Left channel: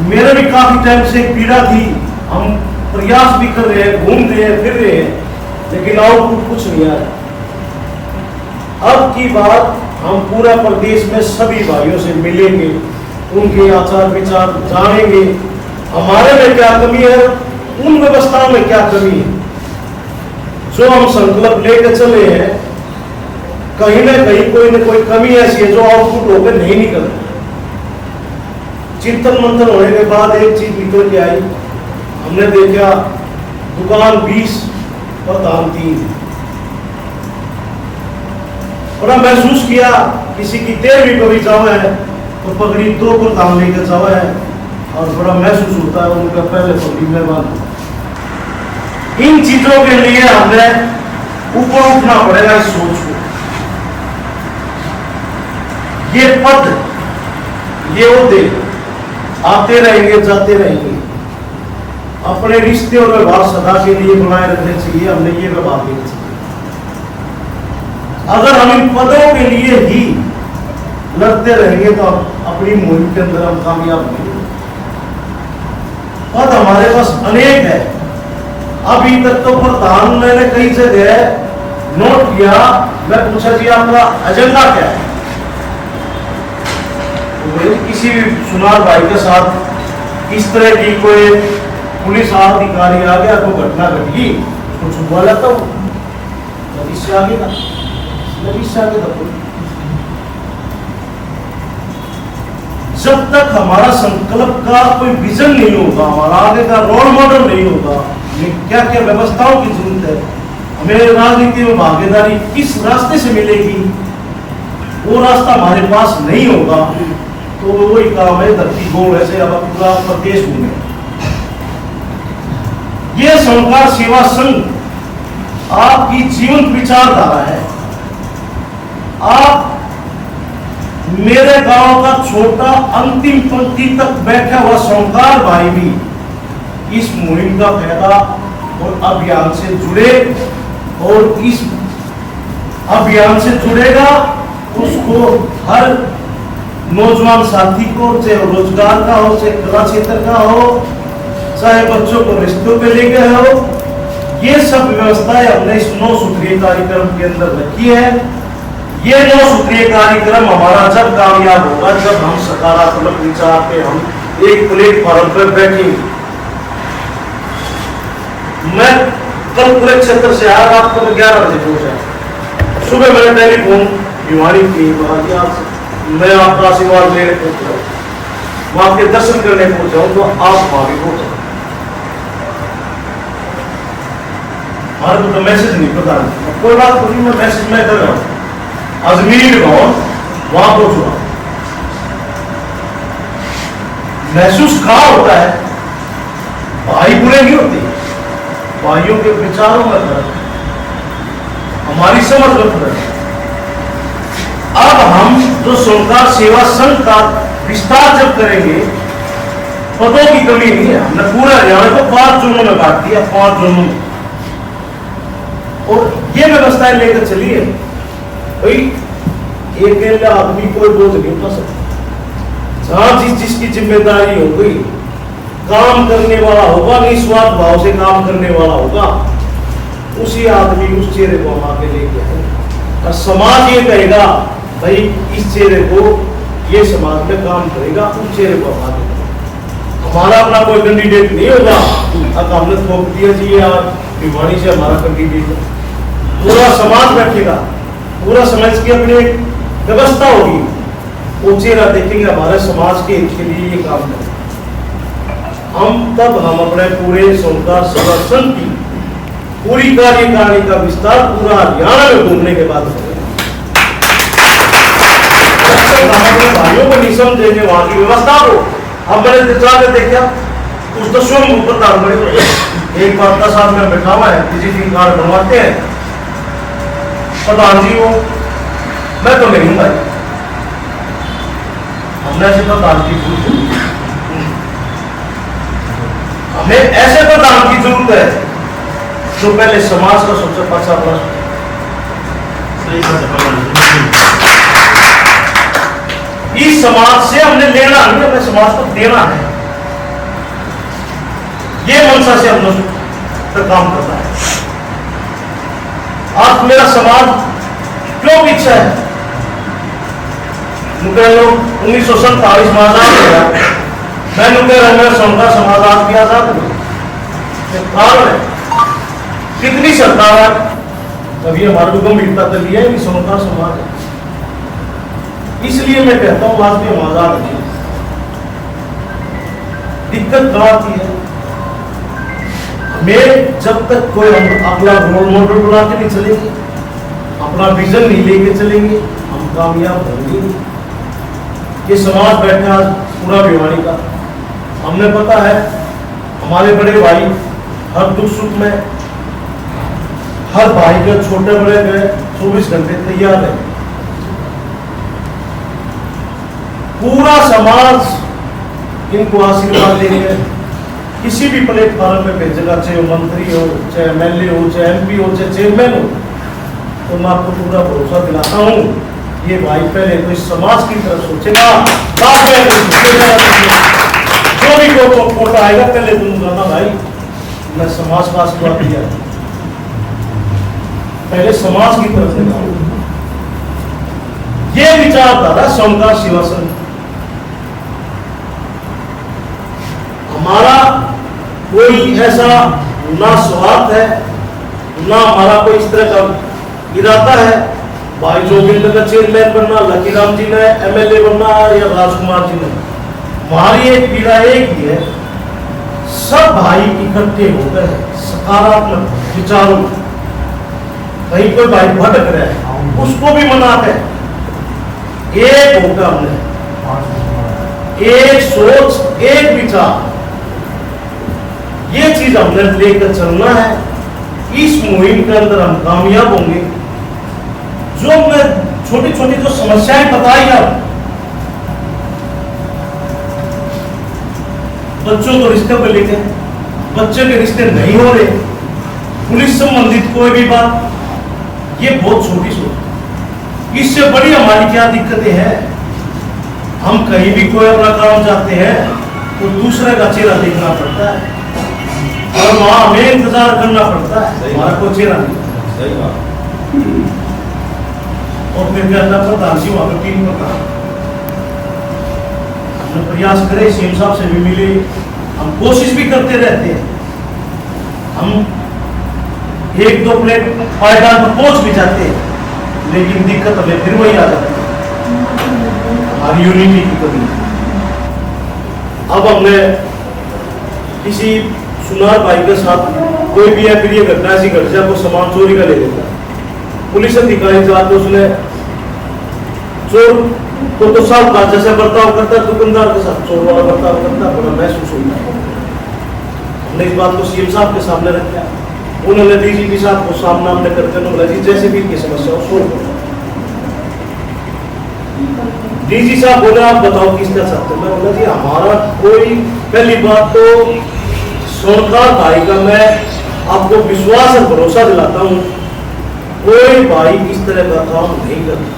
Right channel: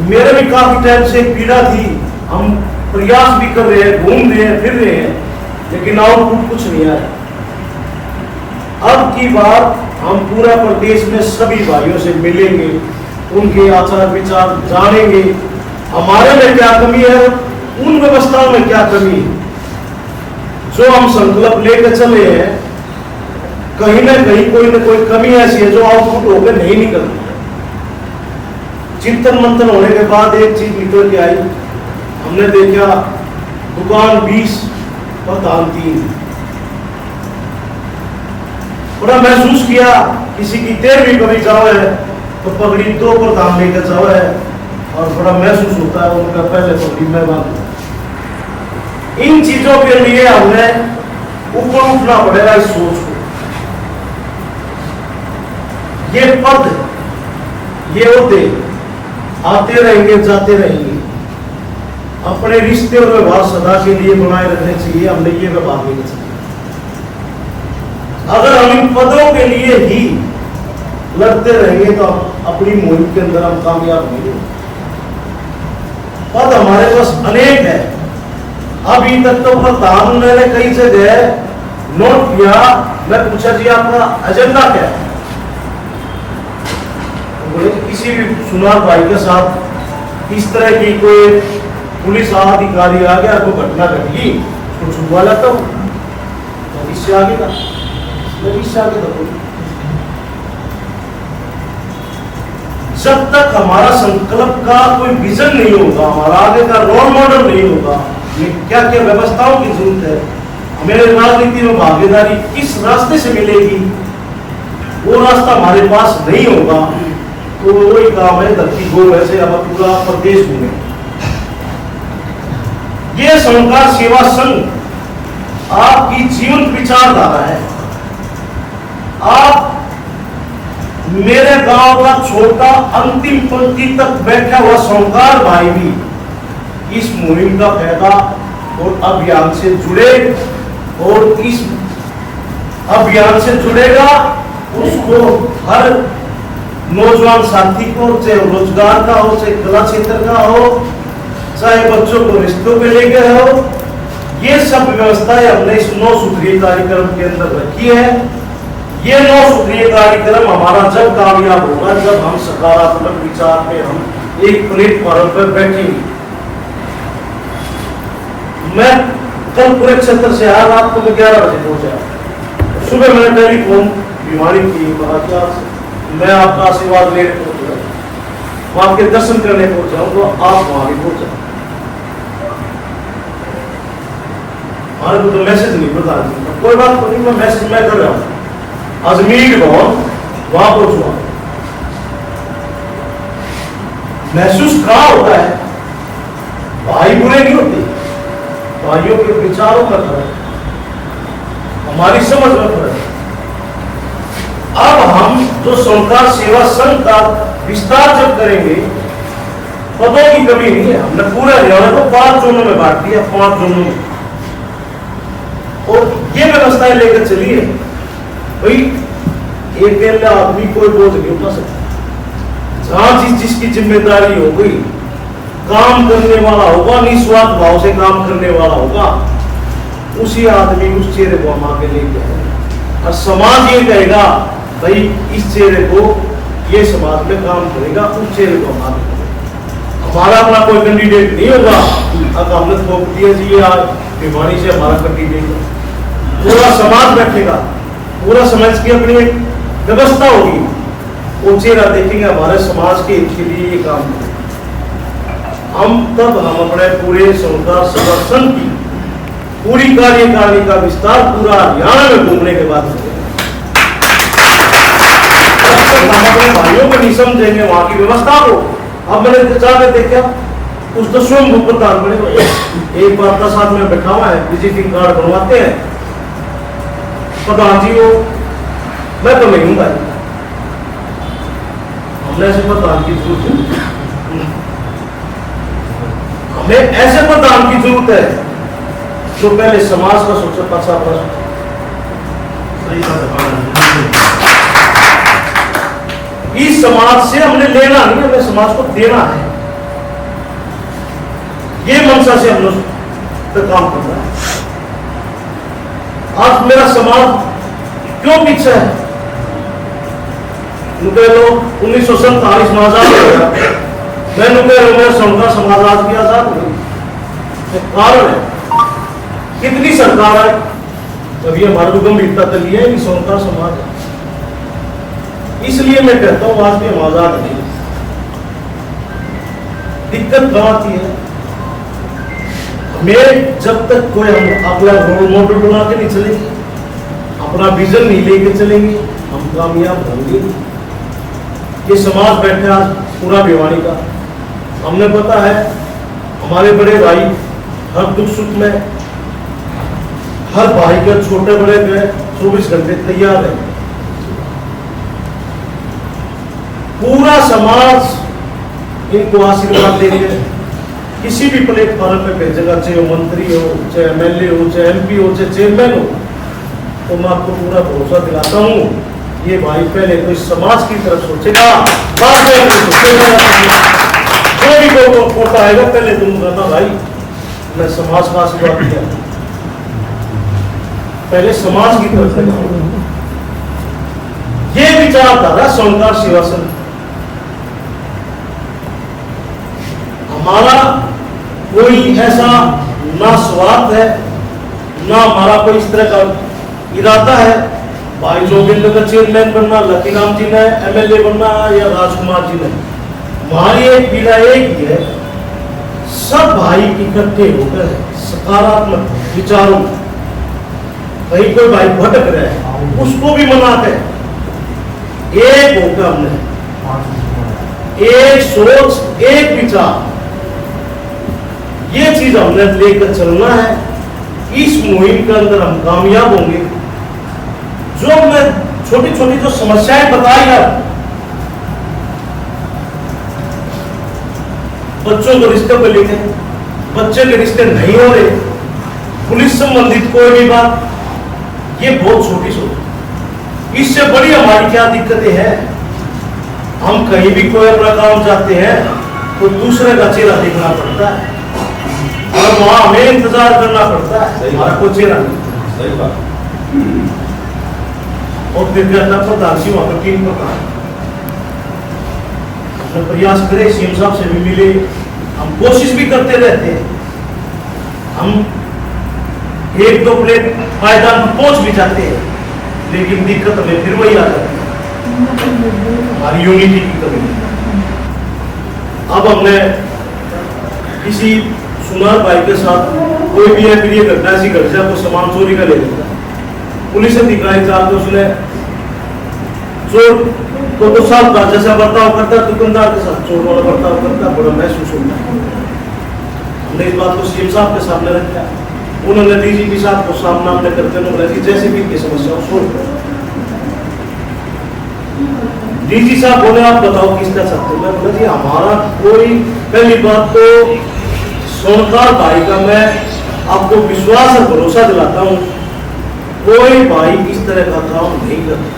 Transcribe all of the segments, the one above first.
मेरे भी काफी टाइम से पीड़ा थी, हम प्रयास भी कर रहे हैं, घूम रहे हैं, फिर रहे हैं, लेकिन आउटपुट कुछ नहीं आया। अब की बात हम पूरा प्रदेश में सभी भाइयों से मिलेंगे, उनके आचार विचार जानेंगे, हमारे में क्या कमी है, उन व्यवस्थाओं में क्या कमी है। जो हम संकल्प लेकर चले हैं, कहीं ना कहीं कोई ना कोई कमी ऐसी है जो आउटपुट होकर नहीं निकलती। चिंतन मंथन होने के बाद एक चीज निकल के आई, हमने देखा दुकान 20 प्रधान 3। बड़ा महसूस किया किसी की 13वीं कभी जाओ है तो पगड़ी 2 प्रधान लेकर जाओ है, और बड़ा महसूस होता है उनका पहले पगड़ी में बांध। इन चीजों के लिए हमें ऊपर उठना पड़ेगा इस सोच को। ये पद, ये ओहदे आते रहेंगे, जाते रहेंगे। अपने रिश्ते और व्यवहार सदा के लिए बनाए रखने चाहिए, हमने ये व्यवहार देना चाहिए। अगर हम इन पदों के लिए ही लड़ते रहेंगे तो अपनी मुहिम के अंदर हम कामयाब होंगे। पद हमारे पास अनेक है। अभी तक तो प्रधान मैंने कई जगह नोट किया, मैं पूछा जी आपका एजेंडा क्या है। किसी भी सुनार भाई के साथ इस तरह की कोई पुलिस अधिकारी आ गया, तो घटना घटी, तो छुपवा लेता हूं, इससे आगे था, इससे आगे था। जब तक हमारा संकल्प का कोई विजन नहीं होगा, हमारा आगे का रोल मॉडल नहीं होगा, क्या क्या व्यवस्थाओं की जरूरत है, हमें राजनीति में भागीदारी किस रास्ते से मिलेगी, वो रास्ता हमारे पास नहीं होगा, तो वही काम है धरती गो वैसे अब पूरा प्रदेश घूमे। ये संस्कार सेवा संघ आपकी जीवंत विचारधारा है। आप मेरे गांव का छोटा अंतिम पंक्ति तक बैठा हुआ संस्कार भाई भी इस मुहिम का फायदा और अभियान से जुड़े, और इस अभियान से जुड़ेगा, उसको हर नौजवान साथी को, चाहे रोजगार का हो, चाहे कला क्षेत्र का हो, चाहे बच्चों को रिश्तों पे ले गए हो, ये सब व्यवस्थाएं हमने इस 9 सूत्रीय कार्यक्रम के अंदर रखी है। ये 9 सूत्रीय कार्यक्रम हमारा जब कामयाब होगा, जब हम सकारात्मक विचार पे हम एक प्लेटफॉर्म पर बैठेंगे। मैं कल पूरे क्षेत्र से आया, रात को 11 बजे पहुंचा। सुबह मैंने टेलीफोन बीमारी की, कहा कि आज मैं आपका आशीर्वाद लेकर पहुंच जाऊँ, वहां आपके दर्शन करने पहुंच जाऊं, तो आप वहां भी पहुंच जाओ। हमारे को तो मैसेज नहीं पता, कोई बात नहीं, मैं मैसेज मैं कर रहा हूं। अजमीर भवन वहां पहुंचूंगा। महसूस कहां होता है, भाई बुरे नहीं होते, भाइयों के विचारों में फर्क, हमारी समझ में फर्क। अब हम जो संस्कार सेवा संघ का विस्तार जब करेंगे, पदों की कमी नहीं है। हमने पूरे हरियाणा को 5 जोनों में बांट दिया, 5 जोनों में, और ये व्यवस्थाएं लेकर चलिए। भाई एक आदमी कोई बोझ नहीं उठा सकता। जहां जिसकी जिम्मेदारी हो गई, काम करने वाला होगा, निस्वार्थ भाव से काम करने वाला होगा, उसी आदमी उस चेहरे को हम आगे लेके आएंगे। और समाज ये कहेगा भाई इस चेहरे को, ये समाज में काम करेगा, उस चेहरे को हम आगे करेंगे। हमारा अपना कोई कैंडिडेट नहीं होगा, अब हमने थोप दिया जी ये आज भिवानी से हमारा कैंडिडेट है, पूरा समाज बैठेगा, पूरा समाज की अपनी एक व्यवस्था होगी, वो चेहरा देखेंगे हमारे समाज के हित के लिए ये काम करें। हम अपने पूरे संस्कार सेवा संघ की पूरी कार्यकारिणी का विस्तार पूरा हरियाणा में घूमने के बाद हम अपने भाइयों को नहीं समझेंगे, वहां की व्यवस्था को। अब मैंने जाकर देखा कुछ तो स्वयं प्रधान बने, एक बार का साथ में बैठा हुआ है, विजिटिंग कार्ड बनवाते हैं, प्रधान जी हो, मैं तो नहीं हूं भाई, हमने ऐसे प्रधान की जरूरत है, हमें ऐसे प्रधान की जरूरत है जो पहले समाज का सबसे पचा प्रश्न, इस समाज से हमने लेना नहीं, हमें समाज को देना है। ये मनसा से हम लोग तो काम करना है। आज मेरा समाज क्यों पीछे है? कह लो 1947 में आजाद हो गया, मैं कह रहा मेरा समझा समाज आज भी आजाद हो गया। कारण है कितनी सरकार है, अभी हमारे को गंभीरता चली है कि सोनकार समाज है। इसलिए मैं कहता हूं आज भी हम आजाद हैं। दिक्कत कहां आती है? हमें जब तक कोई हम अपना रोल मॉडल बना के नहीं चलेंगे, अपना विजन नहीं लेके चलेंगे, हम कामयाब होंगे। ये समाज बैठा आज पूरा भिवानी का, हमने पता है हमारे बड़े भाई हर दुख सुख में हर भाई के छोटे बड़े के 24 घंटे तैयार है। पूरा समाज इनको आशीर्वाद देंगे, किसी भी प्लेटफॉर्म पे भेजेगा, चाहे वो मंत्री हो, चाहे एमएलए हो, चाहे एमपी हो, चाहे चेयरमैन हो, तो मैं आपको पूरा भरोसा दिलाता हूँ ये भाई पहले तो इस समाज की तरफ सोचेगा, बाद में सोचेगा। जो भी कोटा आएगा पहले तुम कहना भाई मैं समाज का आशीर्वाद दिया, पहले समाज की तरफ से जाओ। ये विचारधारा सोनकार शिवासन हमारा कोई ऐसा ना स्वार्थ है ना हमारा कोई इस तरह का इरादा है भाई जोगिंदर का चेयरमैन बनना, लकी राम जी ने एमएलए बनना या राजकुमार जी ने। हमारी एक पीड़ा एक ही है, सब भाई इकट्ठे होकर सकारात्मक विचारों, कहीं कोई भाई भटक रहा है उसको भी मना कर एक होकर हमने एक सोच एक विचार ये चीज हमने लेकर चलना है। इस मुहिम के अंदर हम कामयाब होंगे। जो मैं छोटी छोटी जो समस्याएं बताई है, बच्चों को रिश्ते पर लेके बच्चे के रिश्ते नहीं हो रहे, पुलिस संबंधित कोई भी बात, ये बहुत छोटी सोच। इससे बड़ी हमारी क्या दिक्कतें हैं? हम कहीं भी कोई अपना काम चाहते हैं तो दूसरे का चेहरा देखना पड़ता है और वहां हमें इंतजार करना पड़ता है, हमारा कोई चेहरा नहीं। सही बात। और फिर क्या प्रधान जी वहां पर टीम पर हमने प्रयास करे, सीएम साहब से भी मिले, हम कोशिश भी करते रहते हैं। हम एक दो प्लेट फायदा पहुंच भी जाते हैं, लेकिन दिक्कत हमें फिर वही आ जाती है, हमारी यूनिटी की कमी। अब हमने किसी सुनार भाई के साथ कोई भी है, फिर ये घटना ऐसी घट जाए, वो सामान चोरी का ले लेता, पुलिस अधिकारी जाकर उसने चोर तो साहब का जैसा बर्ताव करता है दुकानदार के साथ चोर वाला बर्ताव करता, बड़ा महसूस होता। हमने इस बात को सीएम साहब के सामने रखा, उन्होंने डीजीपी साहब को सामना हमने करते हुए जैसे भी की समस्या हो सोल्व करो। डीजी साहब बोले आप बताओ किस तरह सकते हो? मैं बोला जी हमारा कोई, पहली बात तो सोनकार भाई का मैं आपको विश्वास और भरोसा दिलाता हूं, कोई भाई इस तरह का काम नहीं करता।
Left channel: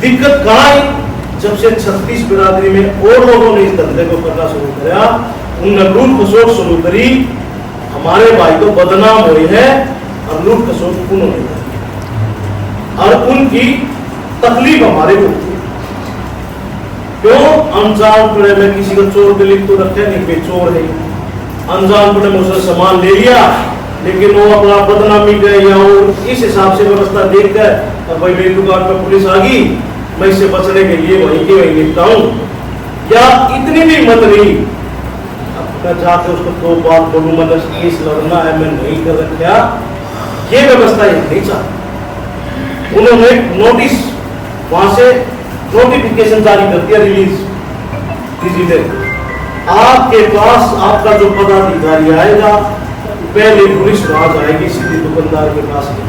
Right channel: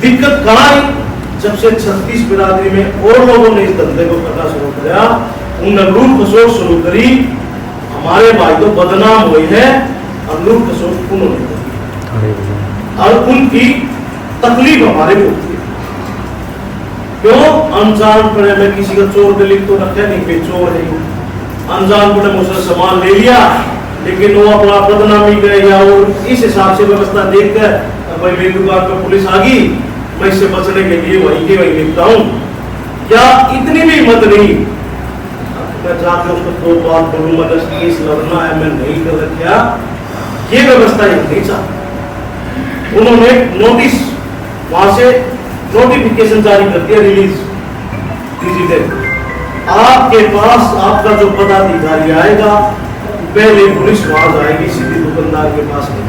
दिक्कत कहां आई? जब से 36 बिरादरी में और लोगों ने इस धंधे को करना शुरू किया, उनने लूट खसोट शुरू करी, हमारे भाई तो बदनाम हुए हैं और लूट खसोट उन्होंने करी और उनकी तकलीफ हमारे को क्यों? अनजानपुरे में किसी का चोर पे लिख तो रखे नहीं पे चोर है, अनजानपुरे में उसने सामान ले लिया, लेकिन वो अपना बदनामी गए या और इस हिसाब से व्यवस्था देखकर भाई मेरी दुकान पर पुलिस आ गई, मैं इससे बचने के लिए वहीं के वहीं लिखता हूँ। क्या इतनी भी हिम्मत नहीं मैं जाकर उसको दो बात बोलूँ, मतलब केस लड़ना है, मैं नहीं कर रखा, ये व्यवस्था ही नहीं चाहती। उन्होंने नोटिस वहां से नोटिफिकेशन जारी कर दिया, रिलीज आपके पास आपका जो पदाधिकारी आएगा पहले पुलिस वहां जाएगी, सीधे दुकानदार के पास नहीं।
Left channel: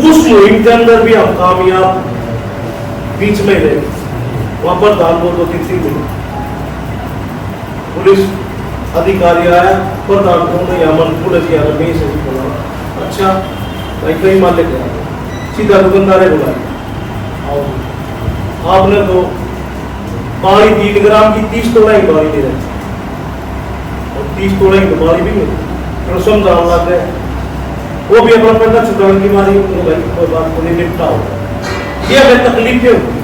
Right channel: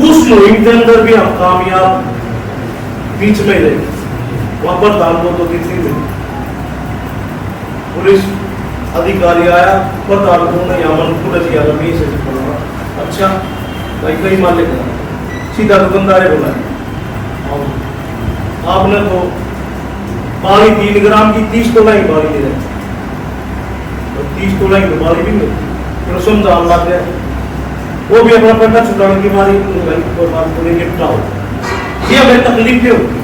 उस मुहिम के अंदर भी हम कामयाब बीच में रहे, वहां पर दान तो कितनी मिली, पुलिस अधिकारी आया, प्रधान को यामन पुलिस किया, अच्छा भाई कई मान लेते सीधा दुकानदारे बुलाया, आपने तो बाली 3 ग्राम की 30 तोला ही बाली ले रहे, और 30 तोड़े की बीमारी भी नहीं होती, तो समझाने लग गए। वो भी अपना पैसा छुटाने की मारी, कोई बात नहीं, निपटा हो। ये हमें तकलीफें होती है।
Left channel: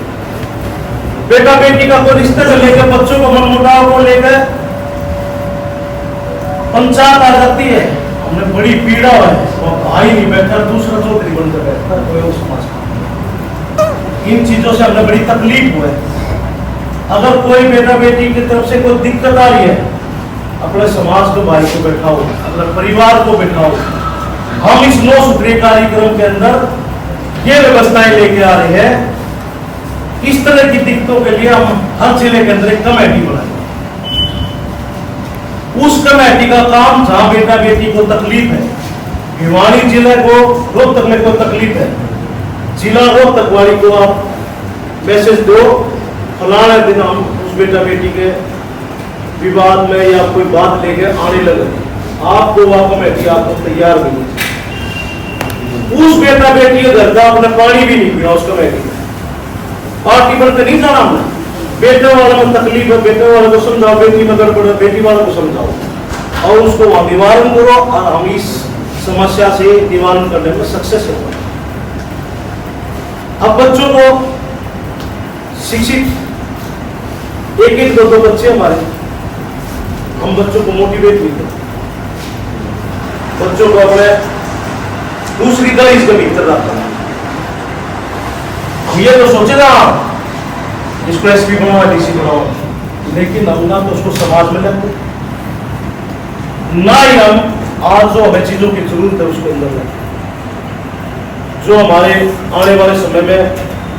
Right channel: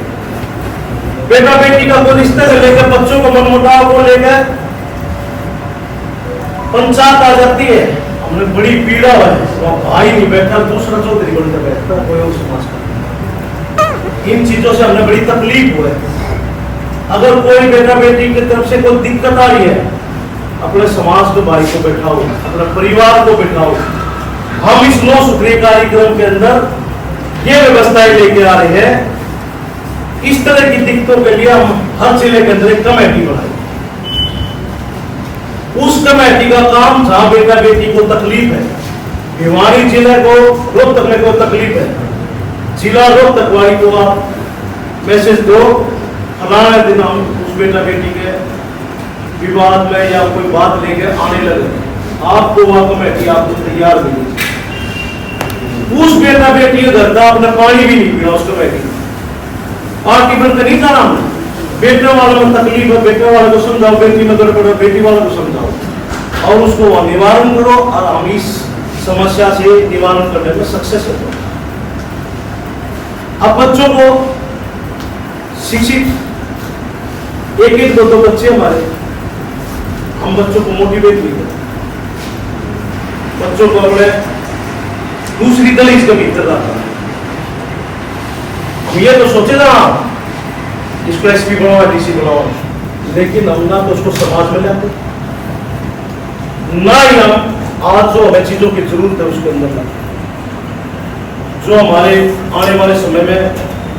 बेटा बेटी का कोई रिश्ते से लेकर बच्चों को मनमुटाव को लेकर पंचायत आ जाती है, हमने बड़ी पीड़ा है, तो भाई नहीं बैठा, दूसरा चौधरी बनकर बैठता है कोई और समाज का। इन चीजों से हमने बड़ी तकलीफ हुआ है। अगर कोई बेटा बेटी की तरफ से कोई दिक्कत आ रही है, अपने समाज के भाई को बैठाओ, अपने परिवार को बैठाओ। हम इस 9 सूत्रीय कार्यक्रम के अंदर ये व्यवस्थाएं लेके आ रहे हैं। इस तरह की दिक्कतों के लिए हम हर जिले के अंदर एक कमेटी बनाए। उस कमेटी का काम, जहां बेटा बेटी को तकलीफ है, भिवानी जिले को, रोहतक में को तकलीफ है, जिला रोहतक वाली को आप मैसेज दो, फलाने दिन हम उस बेटा बेटी के विवाद में या कोई बात लेके आने लगे, आपको वह कमेटी आपको तैयार मिलेगी। उस बेटा बेटी के घर का आपने पानी भी नहीं पिया, उस कमेटी पार्टी बनकर नहीं जाना हमने। बेटे वालों में तकलीफ है, बेटे वालों को समझाओ, बेटी में गड़बड़ है, बेटी वालों को समझाओ और उसको वहां निवारण करो, और हम इस समस्या से निवारण करने में सक्सेस हो। अब बच्चों को शिक्षित, एक 2 बच्चे हमारे, हम बच्चों को मोटिवेट नहीं करते, बच्चों को अपने दूसरी दलित के भीतर रखा। हम ये तो सोचे ना इसको एसपी बनाओ, डीसी बनाओ, लेकिन हम ना तो उसको समाज में लाते, ना ही हम आज जो हमें चीजों की जरूरत है उसके अंदर लाते। जो हमारे आने वाले समय में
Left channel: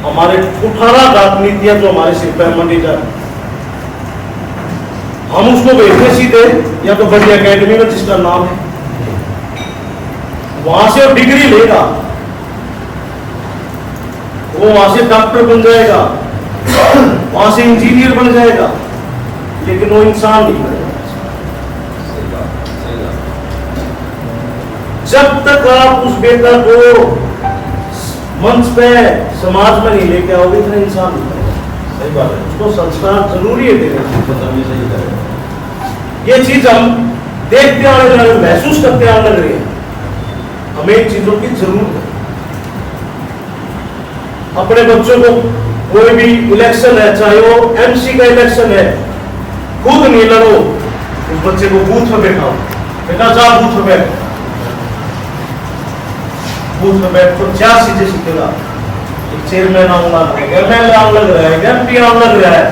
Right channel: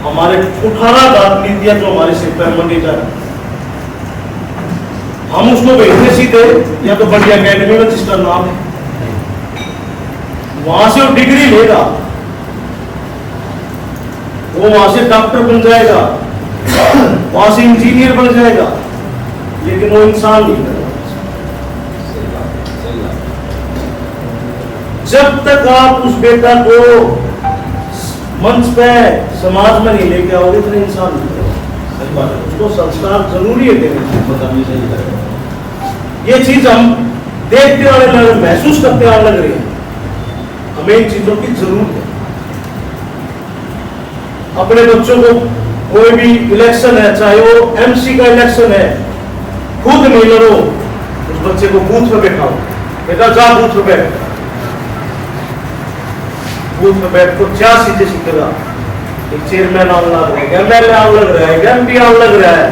हमारे 18 नीतियां जो हमारे सिर पर मंडी जाए, हम उसको भेजने सीधे या तो बड़ी अकेडमी में जिसका नाम है, वहां से वो डिग्री लेगा, वो वहां से डॉक्टर बन जाएगा, वहां से इंजीनियर बन जाएगा, लेकिन वो इंसान नहीं बनेगा। जब तक आप उस बेटा को मंच पे समाज में नहीं लेके आओगे, इतना इंसान नहीं बनेगा। सही बात है, उसको संस्कार जरूरी है देने। ये चीज हम देखते आने लगे, महसूस करते आने लग रही है, हमें इन चीजों की जरूरत है। अपने बच्चों को कोई भी इलेक्शन है, चाहे वो एमसी का इलेक्शन है, खुद नहीं लड़ो, उस बच्चे को बूथ पर बैठाओ, बेटा जा बूथ पर बैठ, बूथ पर बैठ कर 4 चीजें सीखेगा। चेयरमैन आने लग रहा है, एमएलए आने लग रहा है, एमपी आने लग रहा है,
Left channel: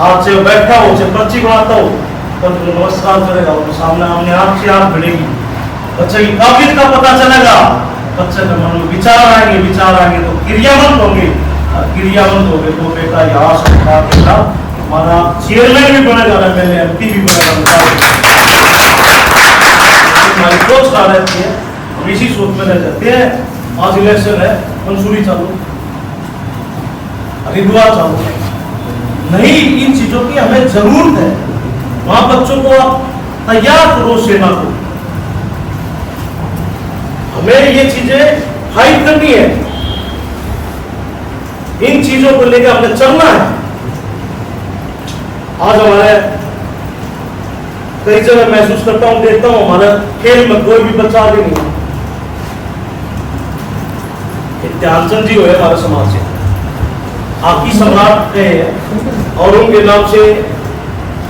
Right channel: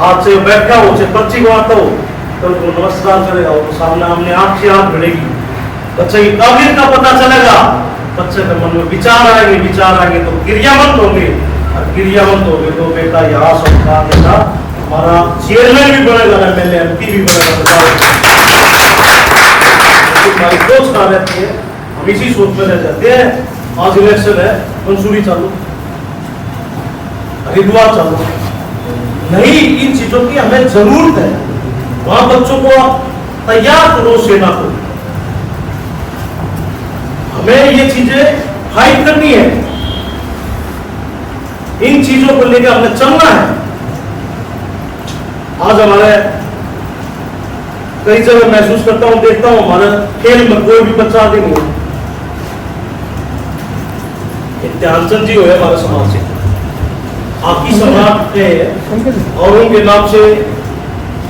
आज से बैठा हो, से पर्ची को आता हो, तो नमस्कार करेगा, और सामने आमने आंख से आंख भिड़ेगी, बच्चे की काबिलियत का पता चलेगा, बच्चे के मन में विचार आएंगे तो क्रियावंत होंगे, क्रियावंत हो गए तो बेटा यहाँ सरकार बेटा हमारा चेयरमैन भी बनेगा, एमएलए एमपी भी बनेगा। हमारी सोच कहाँ रहती है, हम इसी सोच में रह जाते हैं। आज इलेक्शन है, मंसूरी चालू, हरिद्वार चालू, नहीं, इन चीजों की हमें जरूरत है। वहां बच्चों को आप तैयार करो सेना को, हमें ये चीजें फाइट करनी है, इन चीजों को लेकर हमने चलना है। आज हमारे कई जगह महसूस करता हूं, देखता हूं, हमारे खेल में कोई भी बच्चा आगे नहीं है। ध्यानचंद जी हुए हमारे समाज से, हॉकी सम्राट है, और उनके नाम से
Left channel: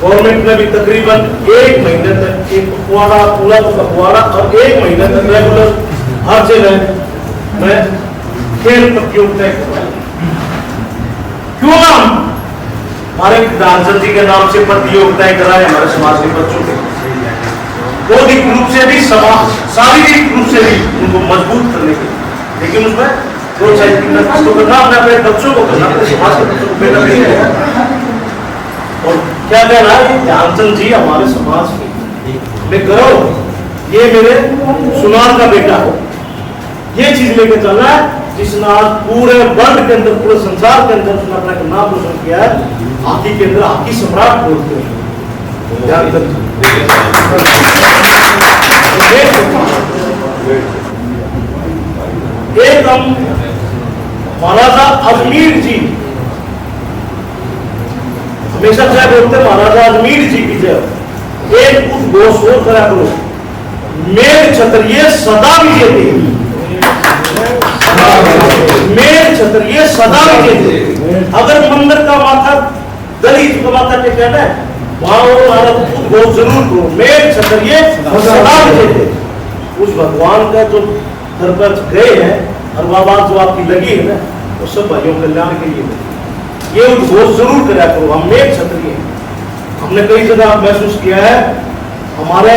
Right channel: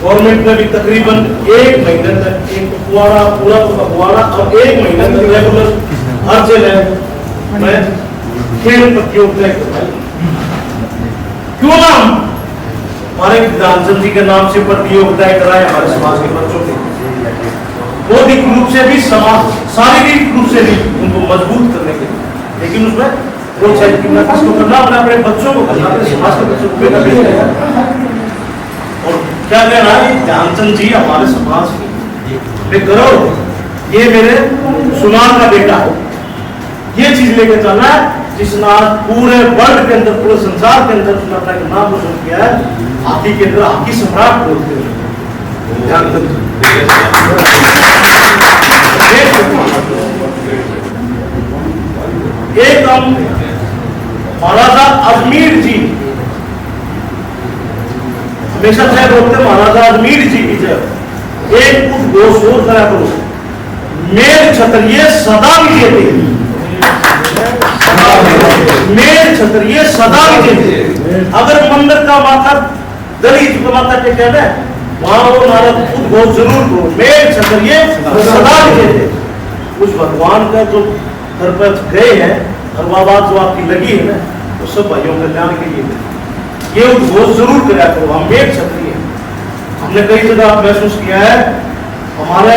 गवर्नमेंट ने भी तकरीबन 1 महीने तक एक पखवाड़ा, पूरा तो पखवाड़ा, और 1 महीने तक रेगुलर हर जिले में खेल प्रतियोगिताएं करवाई। क्यों ना हमारे ध्यानचंद जी के नाम से प्रतियोगिताएं कराएं हमारे समाज के बच्चों के, बौद्धिक रूप से भी, समाज शारीरिक रूप से भी उनको मजबूत करने के लिए, लेकिन उसमें प्रोत्साहित करना, किसको करना, अपने बच्चों को करना, अपने समाज के बच्चों को बेटा बेटी। और क्या कहना है, ध्यानचंद जी हमारे समाज के गौरव, ये मेरे सुनार का बेटा है, ये चीज लेकर चलना है, जिसने आज पूरे वर्ल्ड के अंदर, पूरे संसार के अंदर उसने अपना नाम रोशन किया है। हॉकी के अंदर हॉकी सम्राट बोलते हैं ध्यानचंद। एक हम महाराजा अजमेर जी, हमेशा चाहे बोलते महाराजा अजमेर जी की जय, एक उद्घोष और करा करो, मेघ क्षत्रिय सदा विजेते, मेघ क्षत्रिय सदा विजेते। अगर मंदिर का माथा दलित का माथा टेका है वहां वो नारद उद्घोष जरूर करो, मेघ क्षत्रिय सदा विजेते। उस भगवान का जो दर पर गए हैं और वह बात जो आपकी लगी है ना, वो सब भाइयों कल्याण के लिए ये उद्घोष जरूर करा करो, हम मेघ क्षत्रिय। हमने कई जगह महसूस किया है, हमारे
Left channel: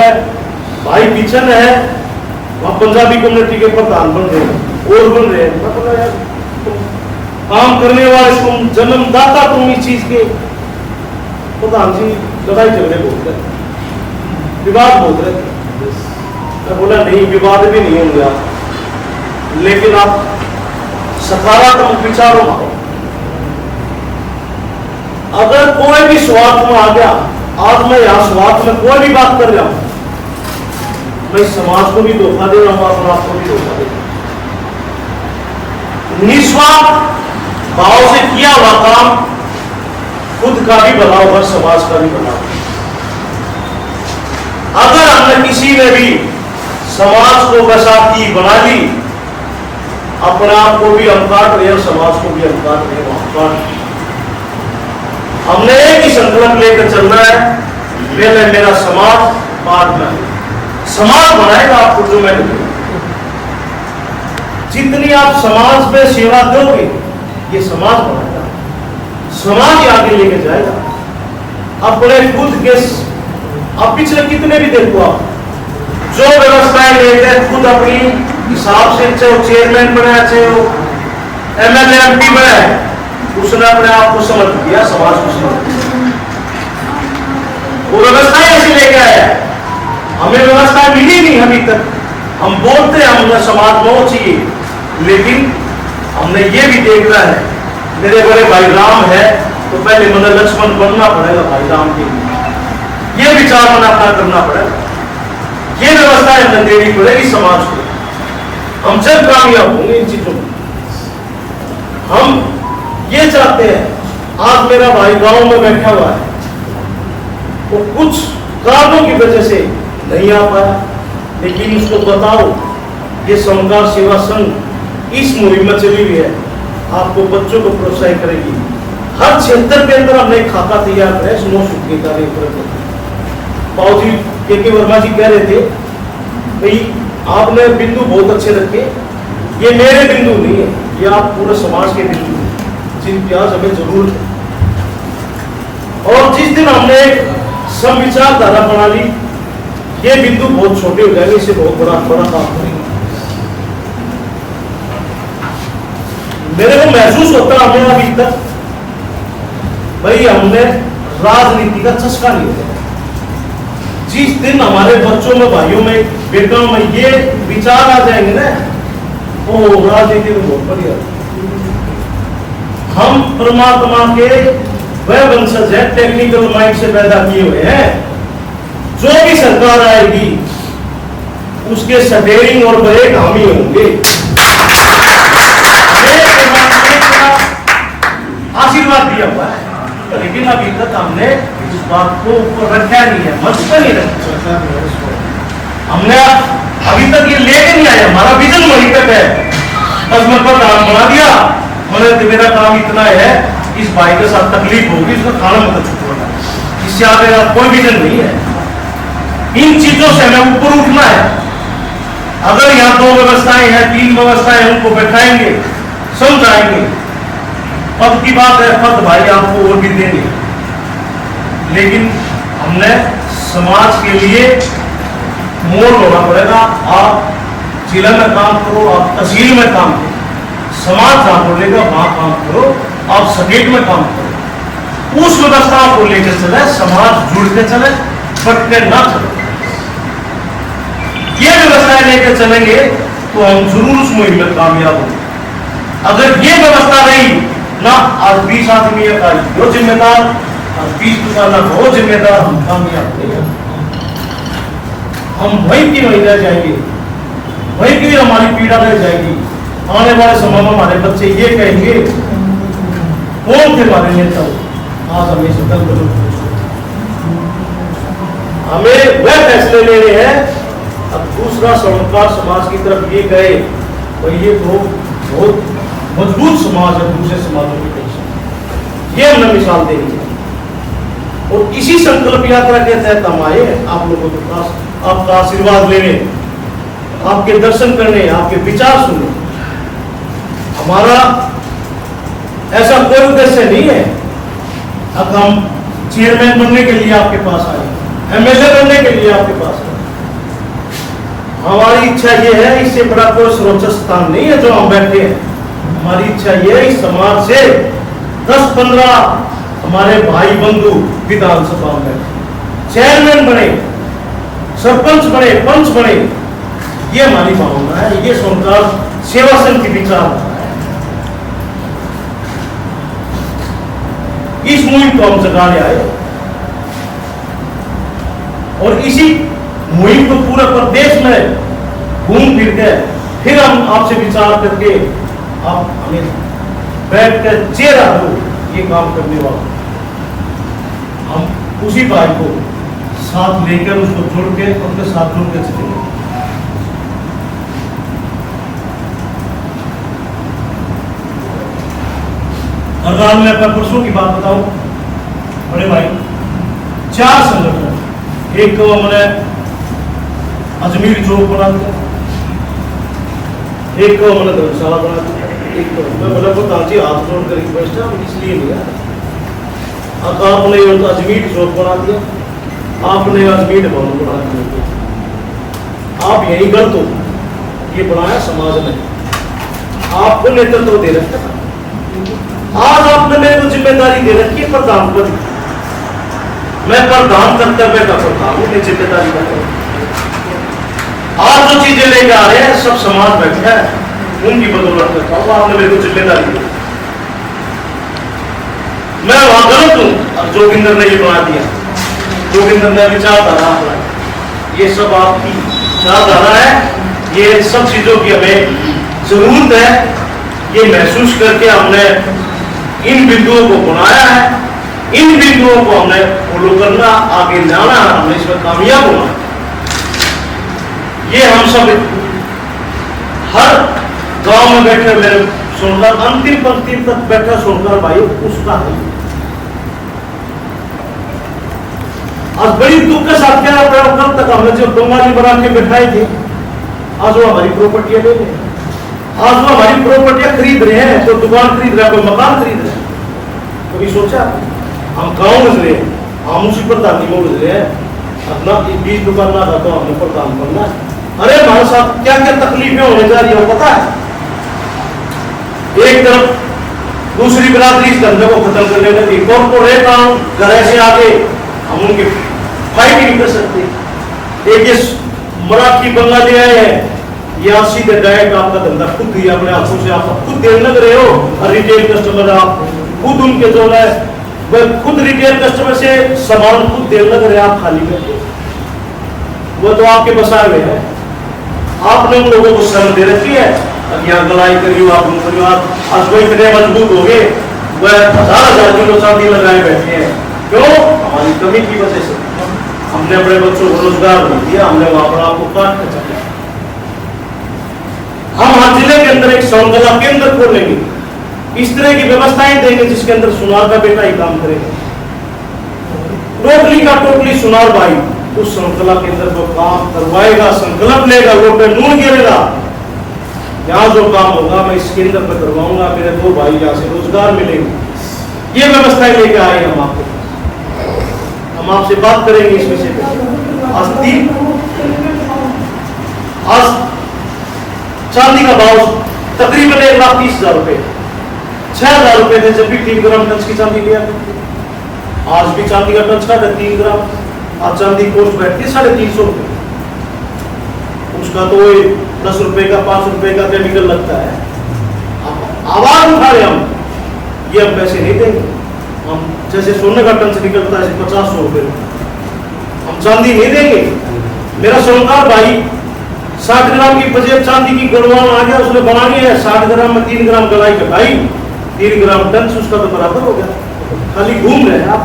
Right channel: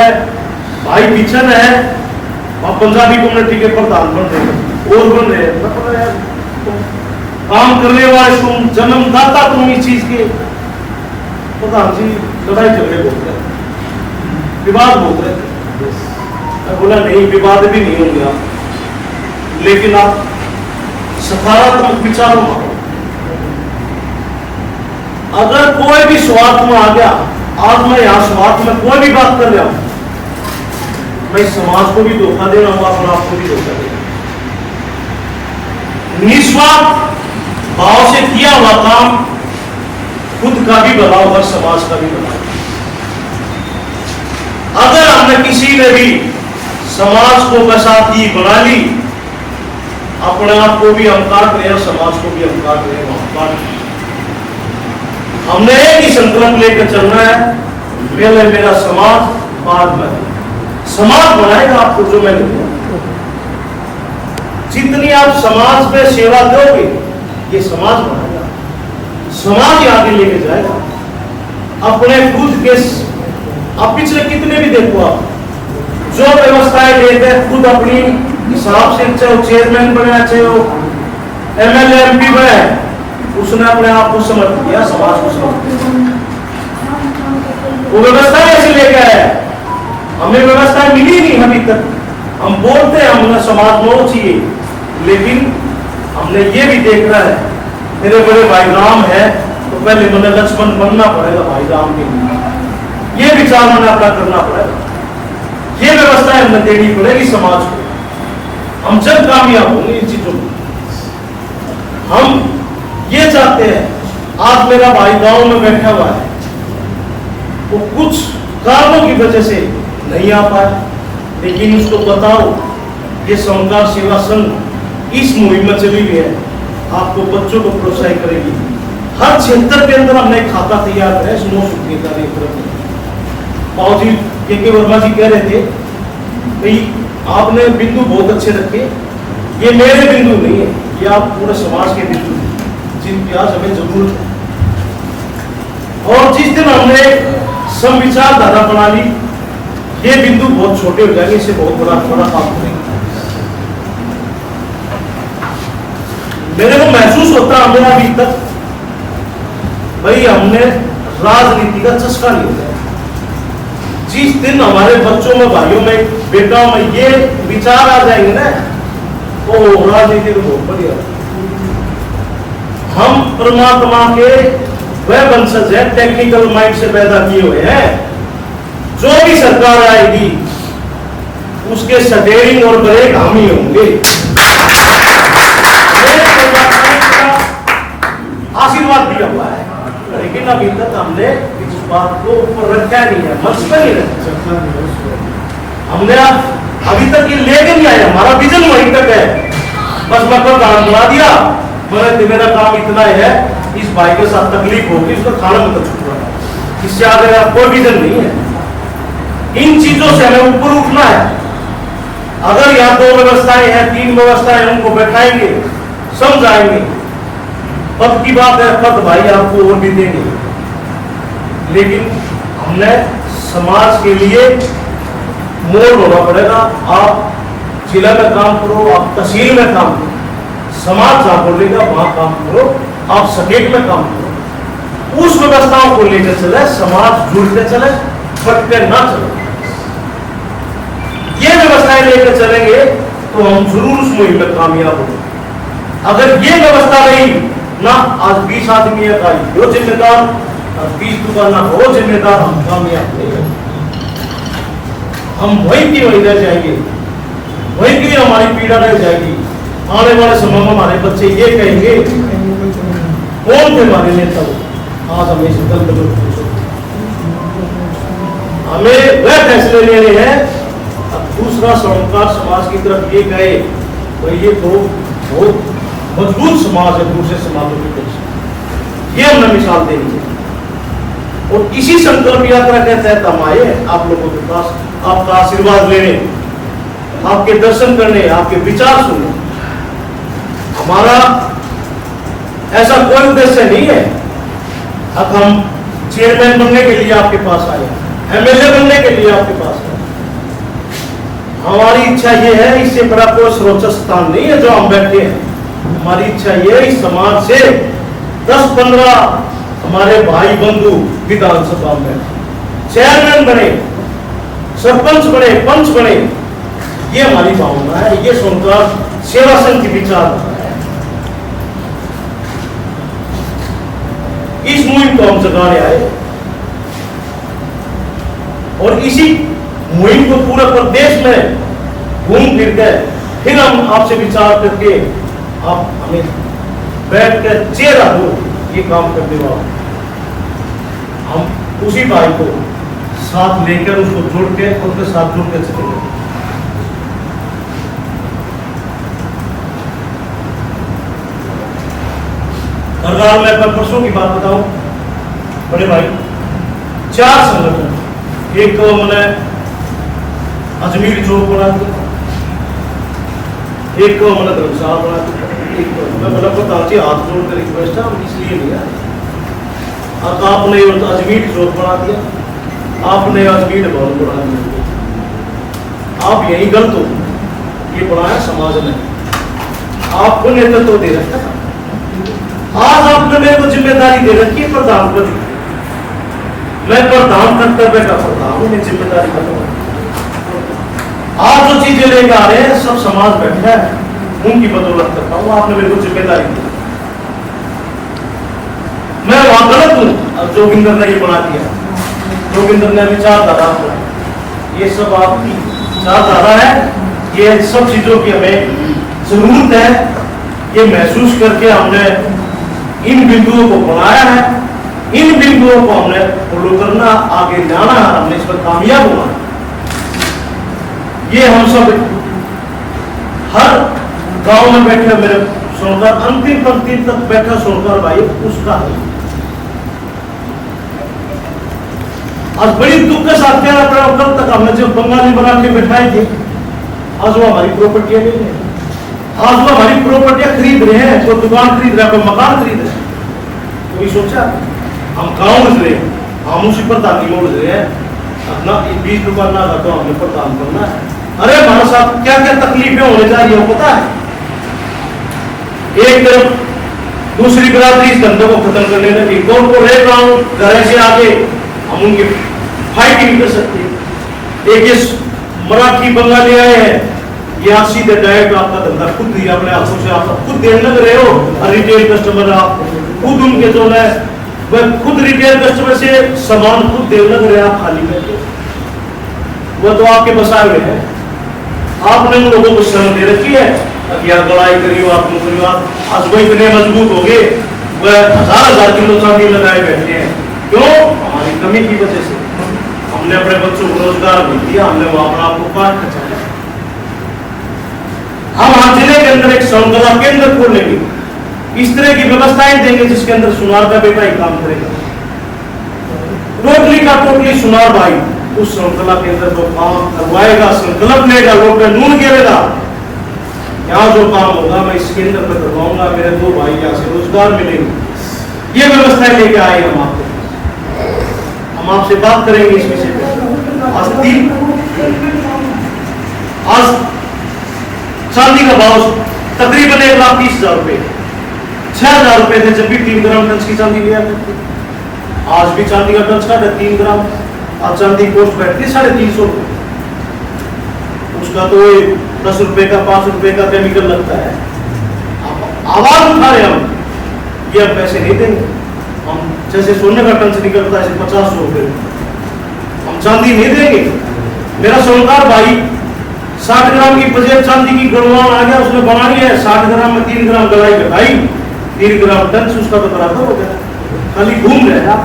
भाई किचन है वहां पंजाबी कम्युनिटी के प्रधान बन रहे हैं और बन रहे हैं, मतलब यार काम करने वाले तुम, जन्मदाता तुम इस चीज के, प्रधान जी लड़ाई झगड़े बोलते हैं, विवाद बोल रहे थे। बोला नहीं, विवाद भी नहीं होंगे आप, लेकिन आप सकारात्मक विचारों में आओ। अगर कोई भी स्वार्थ में आ गया, आज मैं यहां स्वार्थ में कोई भी बात कर रहा हूं, मैं समाज को भी धोखा दे रहा हूं और आपको भी धोखा दे रहा हूं। निस्वार्थ भाव से किया हुआ काम खुद का भी भला होगा, समाज का भी भला होगा। अगर हमने किसी ने भी समाज को बसाती बना ली, अपने आप को भी हम काट रहे हैं, समाज को भी हम काट रहे हैं। हमने एक ही संकल्प लेकर चलना है, पहले मेरा समाज, बाद में समाज बनाएगा आपको जो मैंने दिया। जितनी आप समाज में सेवा दोगे ये समाज बनाएगा, समाज ही आगे लेके जाएगा। अपने खुद के अब पिछले कितने भी देखो आप जो व्यवस्थाएं लेते हैं खुद अपनी हिसाब से, चाहे वो चेयरमैन बनाया, चाहे वो एमएलए एमपी बनाया, उसने अपने आप को समर्पित किया, समाज को समर्पित किया। वो व्यवस्थाएं ऐसे लेके आया, हमें व्यवस्थाएं मिली नहीं अभी तक। हम बोलते हैं हमें समाज में चाहिए, लेकिन हमने ये भी देखना है, मेरे बड़े भाई राम है तो पहले मुझे लक्ष्मण बनना पड़ेगा भाई राम के लिए, ये विचार मन अपना करना पड़ेगा। ये व्यवस्थाएं हमें देनी पड़ेगी समाज को, हम जब कामयाब होंगे इन चीजों में। हम ये चाहते हैं, आज मेरा भाई गांव में बैठा हुआ है, वो कुछ कारणों की वजह से नहीं आ पाया, लेकिन उसको बताओ ये सोमनाथ सेवा संघ इस मुहिम में चली हुई है, आपको बच्चों को प्रोत्साहित करेगी। हर क्षेत्र के अंदर हमने एक खाता तैयार करा है, स्नो सुखी पाऊजी के वर्मा जी कह रहे थे भाई आपने बिंदु बहुत अच्छे रखे, ये मेरे बिंदु नहीं है, ये आप पूरे समाज के बिंदु हैं जिनकी आज हमें जरूरत है। और जिस दिन हमने सम विचारधारा बना ली, ये बिंदु बहुत छोटे हो जाएंगे, इसे बहुत बड़ा काम करेंगे। मेरे को महसूस होता हमें अभी तक भाई हमने राजनीति का चस्का नहीं होता। जिस दिन हमारे बच्चों में, भाइयों में, बेटाओं में ये विचार आ जाएंगे ना, वो राजनीति तो बहुत बढ़िया। हम परमात्मा के वह वंशज है, टेक्निकल माइंड से पैदा किए हुए हैं। जो भी सरकार आएगी उसके स्टीयरिंग और ब्रेक हम ही होंगे। आशीर्वाद दिया हुआ है, लेकिन अभी तक हमने इस बात को रखा नहीं है, मंच पर नहीं रखा। हमने अभी तक ये लेके नहीं आया, हमारा विजन वहीं तक है, बस मैं प्रधान बना दिया, मैंने मेरा काम इतना है, इस भाई के साथ तकलीफ होगी, इसको खाना मत छुटवाना, इससे आगे कोई विजन नहीं है। इन चीजों से हमें ऊपर उठना है। अगर यहाँ 2 व्यवस्थाएं हैं, 3 व्यवस्थाएं, उनको बैठाएंगे, समझाएंगे, पद की बात है, पद भाई आपको वोट भी देंगे, लेकिन हमने समाज के लिए मोड़ होना पड़ेगा। आप जिला में काम करो, आप तहसील में काम करो, समाज जहां बोलेगा वहां काम करो, आप स्टेट में काम करो, उस व्यवस्था को लेकर चले, समाज जुड़ के चले, फट के ना चले। ये व्यवस्थाएं लेकर चलेंगे तो हम जरूर उस मुहिम में कामयाब होंगे। अगर ये व्यवस्था रही ना, आज 20 आदमी है वो जिम्मेदार, 20 दुकाना वो जिम्मेदार, हम कामयाब नहीं होंगे। हम वही की वही रह जाएंगे, वही की हमारी पीड़ा रह जाएगी। आने वाले समय में हमारे बच्चे ये कहेंगे कौन थे हमारे नेता, आज हमें संकल्प हमें वह फैसले लेने हैं। अब दूसरा स्वर्णकार समाज की तरफ ये कहे भाई ये तो बहुत मजबूत समाज है दूसरे समाजों की तरफ, ये हमने मिसाल देनी है। और इसी संकल्प यात्रा के तहत हम आए आप लोगों के पास, आपका आशीर्वाद लेने, आपके दर्शन करने, आपके विचार सुनने। हमारा ऐसा कोई उद्देश्य नहीं है अब हम चेयरमैन बनने के लिए आपके पास आए, एमएलए बनने के लिए आपके पास आए। हमारी इच्छा ये है, इससे बड़ा कोई सर्वोच्च स्थान नहीं है जो हम बैठे हैं। हमारी इच्छा ये है इस समाज से 10-15 हमारे भाई बंधु विधानसभा में चेयरमैन बने, सरपंच बने, पंच बने, ये हमारी भावना है, ये स्वर्णकार सेवा संघ की विचारधारा है। इस मुहिम को हम जगाने आए और इसी मुहिम को पूरे प्रदेश में घूम फिर के फिर हम आपसे विचार करके आप हमें बैठ कर चेहरा हो ये काम करने वाला, हम उसी भाई को साथ लेकर उसको जोड़ के उनके साथ जुड़ के चलेंगे। सरकार में मैं परसों की बात बताऊं, बड़े भाई 4 संगठन, एक तो मैंने अजमेर चौक बना दिया, एक को मैंने धर्मशाला बना दिया, एक तो मैं बोला प्रधान जी हाथ जोड़ कर रिक्वेस्ट है, हम इसलिए नहीं आए। अब आपने अजमेर चौक बना दिया, आपने अजमेर भवन बना दिया, आप यही गलत हो, ये बनाया समाज ने, आपको नेतृत्व तो दे रखा था। आज आपने मेरे को जिम्मेदारी दे रखी है प्रधान पद की, मैं प्रधान कर्तव्य का प्रधान हूं, मैं जिम्मेदारी कर रहा हूं। आज जो चीजें लेके आ रहे हैं सब समाज बैठा है, उनकी बदौलत करता हूं, आपने मेरे को जिम्मेदारी दी। मैं वहां गलत हूं, अब जोगिंदर ने ये बना दिया, जोगिंदर ने विचारधारा, ये सब आपकी विचारधारा है, ये सब चीजों की हमें जरूरत है, ये महसूस करके हमने इन बिंदुओं को बनाया है, इन बिंदुओं को हमने फॉलो करना, आगे जाना है, हमने इसमें कामयाब होना है। ये हम सब हर गांव में बैठे मेरे सुनकर अंतिम पंक्ति तक बैठा सुनकर भाई उसका है। आज बड़ी दुख के साथ कह रहा था, कब तक हमने जो बंगाली बना के बैठाए थे, आज वो हमारी प्रॉपर्टियां ले रहे हैं, आज वो हमारी प्रॉपर्टियां खरीद रहे हैं, कोई दुकान खरीद रहा है, कोई मकान खरीद रहा है। कभी सोचा हम गांव में रहे, हम उसी प्रधानी में गुजरे हैं, अपना 20 दुकान ना था तो हमने प्रधान बनना है। अरे हमारे साथ क्या क्या तकलीफें होने जा रही हो पता है? एक तरफ दूसरी बिरादरी इस धंधे को खत्म करने लगी, कॉर्पोरेट काम घर से आगे हम उनके फाइट नहीं कर सकते। एक इस मराठी बंगाली आए हैं, या सीधे डायरेक्ट आपका धंधा खुद ही अपने हाथों से आप खुद देने लग रहे हो, रिटेल कस्टमर आप खुद उनके जो है वह खुद रिटेल कस्टमर से सामान खुद देने लग रहे हैं, आप खाली बैठे, वह तो आपके बसाए हुए है। आपने उन लोगों को शर्म दे रखी है, अगर लड़ाई करी हो आप मुसलमान, आज वो इतने मजबूत हो गए, वह 1000 किलो चांदी लगाए बैठे हैं। क्यों? हमारी कमी की वजह से हमने अपने बच्चों को रोजगार बन दिया, हमने वहां पर आपको काट खचाया। हम आज जिले के अंदर एक श्रृंखला केंद्र खोलेंगे, इस तरह की व्यवस्थाएं देंगे जिसके अंदर सुनार का बेटा ही काम करेगा, टोटली का टोटली सुनार भाई उस श्रृंखला के अंदर जो काम करवाएगा, संकल्प लेगा, लोग पे नून गिरेगा, यहाँ जो काम होगा मैं इस केंद्र पर करवाऊंगा, मेरे 2 भाई यहाँ से रोजगार मिलेंगे। ये व्यवस्थाएं लेके आए हम आपको, हम आपसे बात करेंगे इस विषय पे। आज चांदी का भाव तकरीबन 1,30,000 रुपए, 6,000 रुपए थे जब भी 3 ग्राम टंच की चांदी लिया करते। आज भी चांदी का टंच का 3 ग्राम, आज चांदी कोस्ट बैठती है 350 रुपए, उसका तो 10 रुपए का 5 रुपए का केमिकल लगता है। आवाज उठा रहे हम, ये अब पैसे नहीं देंगे हम, जैसे सोने का टंच निकलता है 50 रुपए, हम चांदी नहीं देंगे। मेरा सोनकार भाई 60 ग्राम की बजेब चांदी की गड़वान आ गया, उसने बनानी है 60 ग्राम में 3 ग्राम गलाई लगाई, 3 ग्राम टन उसका तो बराबर हो गया। खाली घूम रहे हैं आप,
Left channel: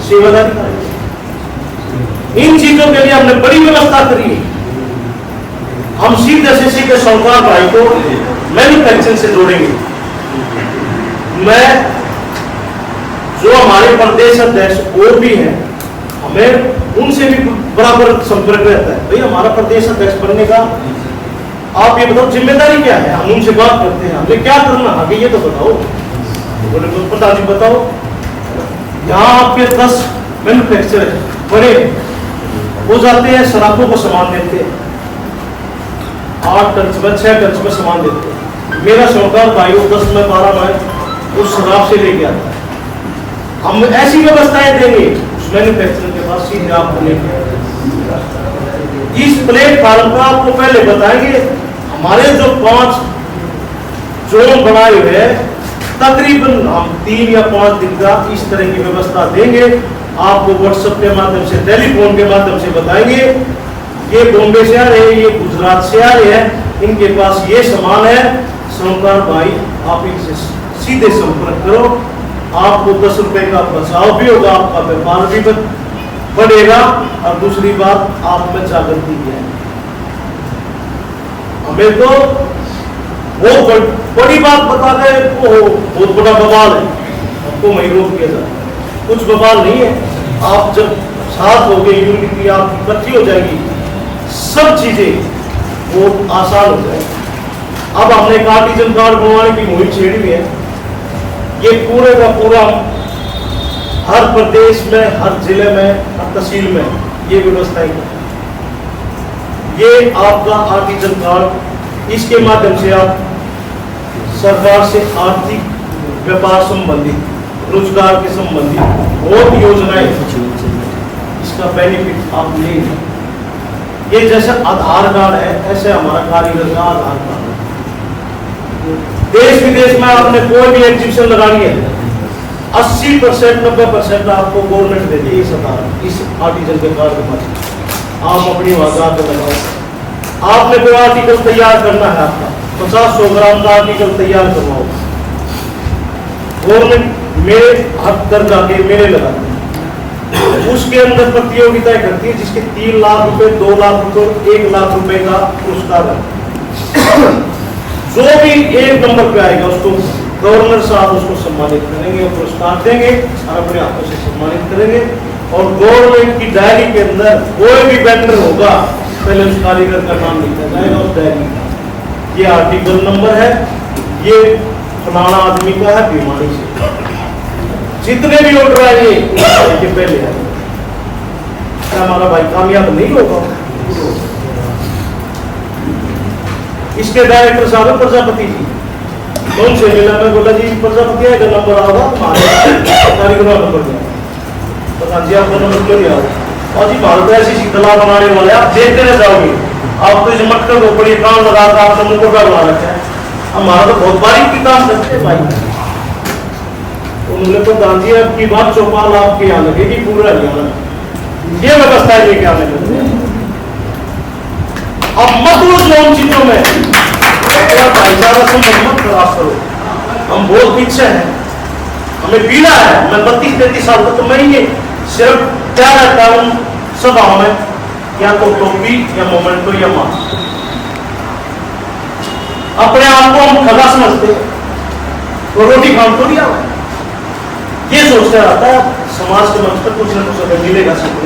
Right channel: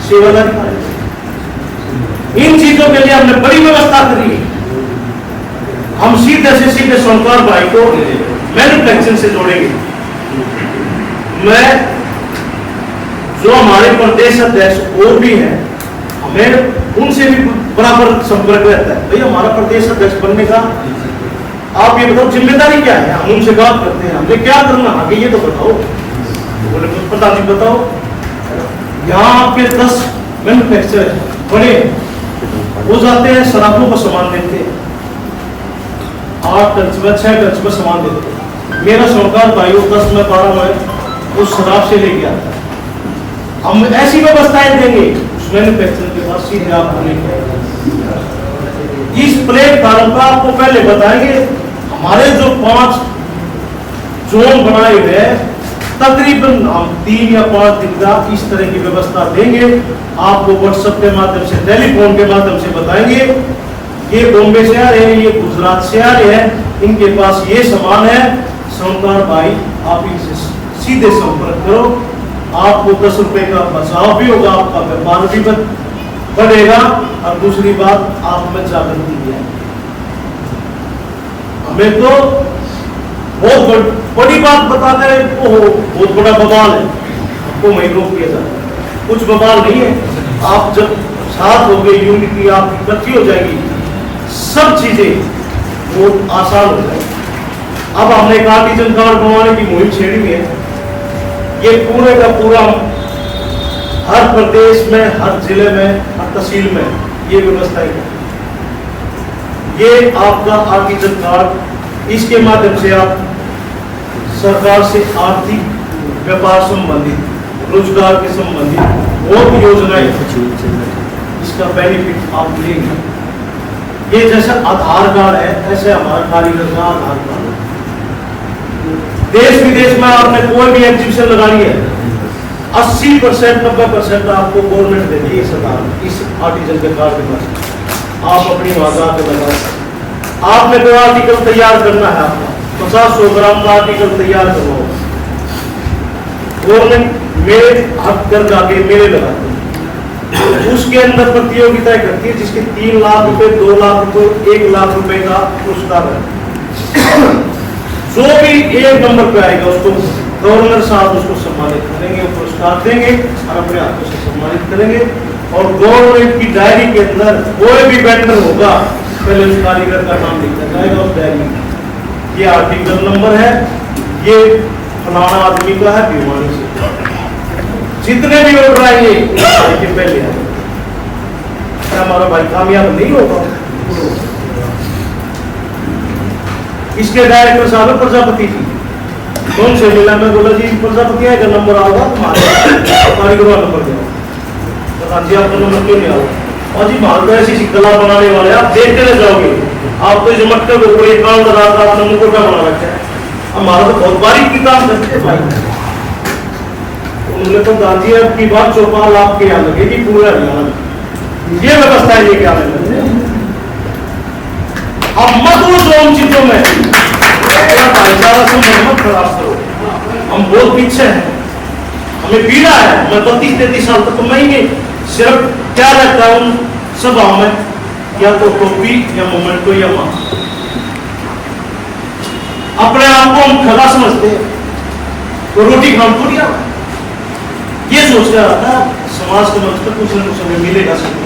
सेवादारी इन चीजों के लिए हमने बड़ी व्यवस्था करी है। हम सीधे से सीधे सोमवार भाई को मैन्युफैक्चरिंग से जोड़ेंगे। मैं जो हमारे प्रदेश अध्यक्ष और भी हैं, हमें उनसे भी बराबर संपर्क रहता है। भाई हमारा प्रदेश अध्यक्ष बनने का आप ये बताओ जिम्मेदारी क्या है। हम उनसे बात करते हैं, हमें क्या करना आगे ये तो बताओ। बोले प्रधान जी बताओ, यहाँ आपके 10 मैन्युफैक्चर बड़े वो जाते हैं, शराबों का सामान देते हैं, 8 टन में 6 टन में सामान देते हैं। मेरा सरकार भाई 10 में 12 में उस शराब से लेके आता है। हम ऐसी व्यवस्थाएं देंगे उस मैन्युफैक्चरर के पास सीधे आपको लेके आएंगे। इस प्लेटफॉर्म का आपको पहले बताएंगे। हमारे जो 5 जोन बनाए हुए हैं, तकरीबन हम 3 या 5 दिन का इस तरह की व्यवस्था देंगे। आपको व्हाट्सएप के माध्यम से, टेलीफोन के माध्यम से बताएंगे, ये बॉम्बे से आ रहे हैं, ये गुजरात से आ रहे हैं, इनके पास ये सामान है। सोमवार भाई आप इनसे सीधे संपर्क करो, आपको 10 रुपए का बचाव भी होगा, आपका व्यापार भी बढ़ेगा और दूसरी बात आप में जागृति भी है। हमें तो बहुत बड़ी बात बता गए, बहुत बड़ा बवाल है, आपको वही रोक किया जाता है। कुछ बवाल नहीं है। आप जब साथ हो गए, यूनिटी आपकी इकट्ठी हो जाएगी, सब चीजें बहुत आसान हो जाएगी। अब हमने एक आर्टिजन कार्ड बनवाने की मुहिम छेड़ी हुई है। ये पूरे का पूरा हर प्रदेश में, हर जिले में, हर तहसील में ये व्यवस्था है। ये आपका आर्टिजन कार्ड, इसके माध्यम से आप सरकार से आर्थिक व्यापार संबंधित, रोजगार के संबंधित बहुत योजनाएं, इसका बेनिफिट आप लेंगे। ये जैसा आधार कार्ड है, ऐसे हमारा कारीगर का आधार कार्ड है। देश विदेश में आपने कोई भी एग्जीबिशन लगानी है, 80% 90% आपको गवर्नमेंट देगी इस आर्टिजन के कार्ड के पास। आप अपनी वजह पे लगाओ। आपने कोई आर्टिकल तैयार करना है, आपका 50-100 ग्राम का आर्टिकल तैयार करना होगा, गवर्नमेंट मेरे हक कर जाके मेरे लगाते हैं। उसके अंदर प्रतियोगिता करती है, जिसके 3 लाख रुपए, 2 लाख रुपए, 1 लाख रुपए का पुरस्कार है। जो भी 1 नंबर पे आएगा उसको गवर्नर साहब उसको सम्मानित करेंगे, पुरस्कार देंगे और अपने हाथों से सम्मानित करेंगे। और गवर्नमेंट की डायरी के अंदर कोई भी वेंडर होगा, पहले उस कारीगर का नाम लिखा जाएगा उस डायरी में। ये आर्टिकल नंबर है, ये फलाना आदमी का है भिवानी से। जितने भी ऑर्डर आएंगे के पहले आएंगे। क्या हमारा भाई कामयाब नहीं होगा? इसके डायरेक्टर साहब है प्रजापति जी, कौन से मिला? मैं बोला जी प्रजापति है, नंबर आओगा तुम्हारे कारीगरों का नंबर दिया। बता जी आपका नंबर क्यों नहीं आओगे? और जी भारत में ऐसी कला बनाने वाले आप देख के जाओगे, आप तो जो मटकर के ऊपर ये काम लगा था, आप सबने को क्या बना रखा है? हमारा तो बहुत बारीक की काम करते हैं भाई। उन्होंने तो गांधी की बात चौपाल आपके यहाँ लगेगी पूरा हरियाणा में। ये व्यवस्था है, ये क्या लगता है? अब मत वो जो उन चीजों में भाईचारा से मत खराब करो। हम बहुत पीछे हैं, हमें पीड़ा है। मैं 32-33 साल तक तो मैं ही सिर्फ क्या रहता हूँ सभाओं में, या तो टोपी या मोमेंटो या मास्क। अपने आप को हम खरा समझते हैं, तो रोटी खाम तो दिया ये सोचते रहता है समाज के मंच पर कुछ न कुछ हमें मिलेगा सकते,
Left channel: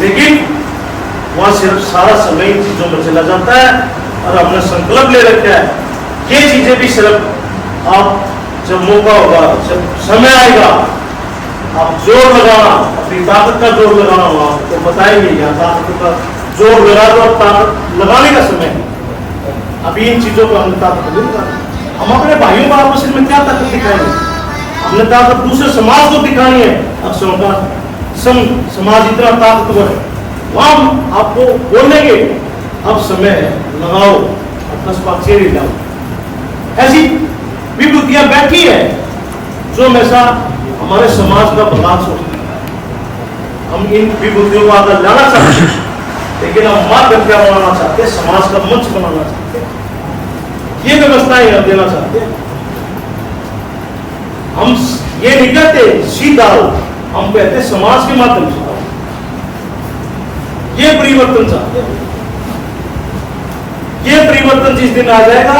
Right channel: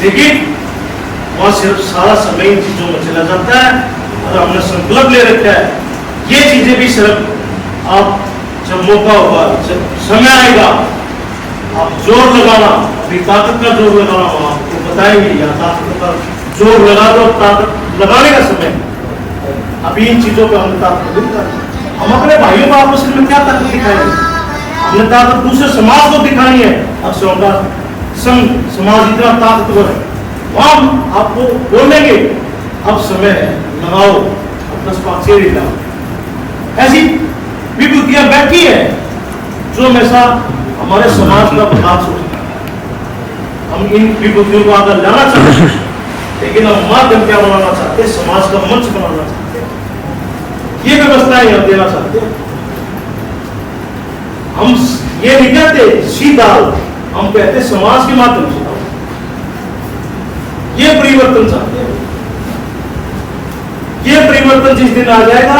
लेकिन वहां सिर्फ सारा समय इन चीजों में चला जाता है। और हमने संकल्प ले रखा है, ये चीजें भी सिर्फ आप जब मौका होगा, जब समय आएगा, आप जोर लगाना, अपनी ताकत का जोर लगाना, वहां तो बताएंगे या ताकत का जोर लगा दो, ताकत लगाने का समय है। अभी इन चीजों पर हम ताकत नहीं लगाते। हम अपने भाइयों को आपस में क्या ताकत दिखाएंगे? हमने ताकत दूसरे समाज को दिखानी है। अब समाज इतना ताकतवर है, वहां आपको बोलेंगे अब समय है, लगाओ अपना स्पाक्षरी लगाओ। ऐसी विभूतियां बैठी है जो हमेशा हमारे समाज का विकास हो। हम इन विभूतियों को आगे लाना चाहते हैं, लेकिन हम माध्यम क्या बनाना चाहते हैं? समाज का मंच बनाना चाहते हैं। ये व्यवस्थाएं हम देना चाहते हैं। हम ये नहीं कहते सीधा हम कहते हैं समाज के माध्यम से आओ। ये परिवर्तन चाहते हैं। ये परिवर्तन जिस दिन आ जाएगा,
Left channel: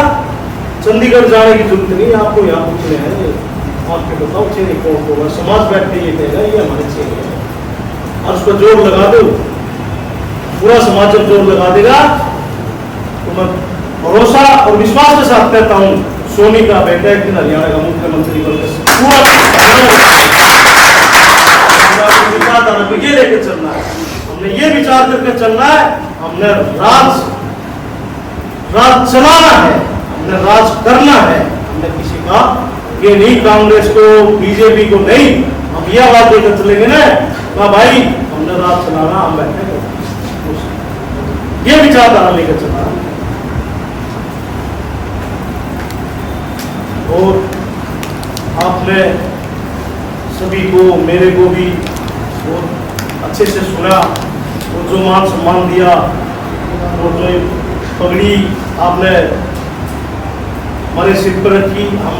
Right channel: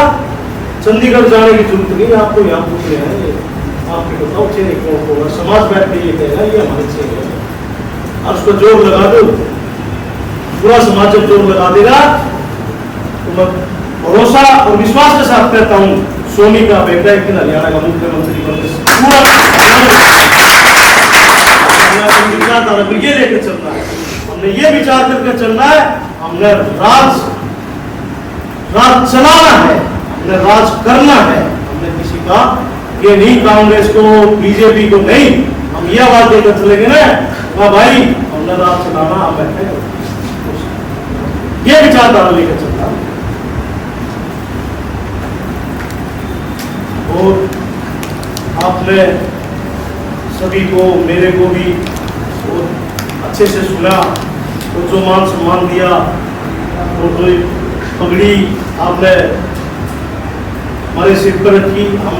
चंडीगढ़ जाने की जरूरत नहीं, आपको यहाँ पूछने हैं, आपके बताओ चेहरे कौन होगा, समाज बैठ के ये कहेगा ये हमारे चेहरे हैं, और उसको जोर लगा दो, पूरा समाज जब जोर लगा देगा तो मैं भरोसा और विश्वास के साथ कहता हूं, सोनी का बेटा एक दिन हरियाणा का मुख्यमंत्री बनकर पूरा विचारधारा ये लेके चलना है। हमने ये विचार करके चलना है, हमने राज चलाना है, हमने राज करना है। हमने किसी का ये नहीं, कांग्रेस को बीजेपी को नहीं, हम ये आवाज देकर चलेंगे ना, भाई हमने राज चलाना, हम बैठे ये विचारधारा लेकर चलना। और आपने सभी को, मेरे को भी बहुत अच्छे से सुना, और जो मान सम्मान दिया, और जो पगड़ी आपने हमारे सिर पर रखी, हम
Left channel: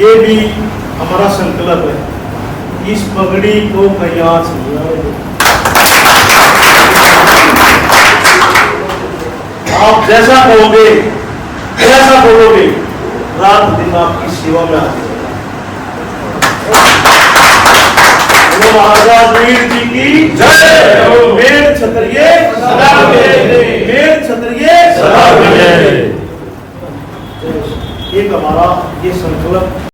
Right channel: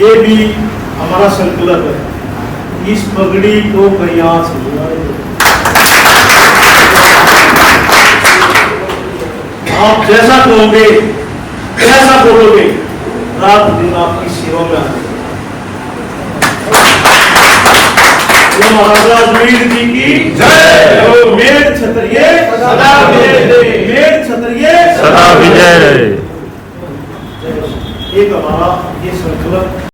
ये भी हमारा संकल्प है, इस पगड़ी को कहीं हाथ नहीं आए। आप जैसा कहोगे, जैसा बोलोगे, रात दिन आपकी सेवा में आते। महाराज वीर जी की जय। मेर क्षत्रिय सदा विजय, मेर क्षत्रिय सदा विजय। एक हमारा ये संकल्प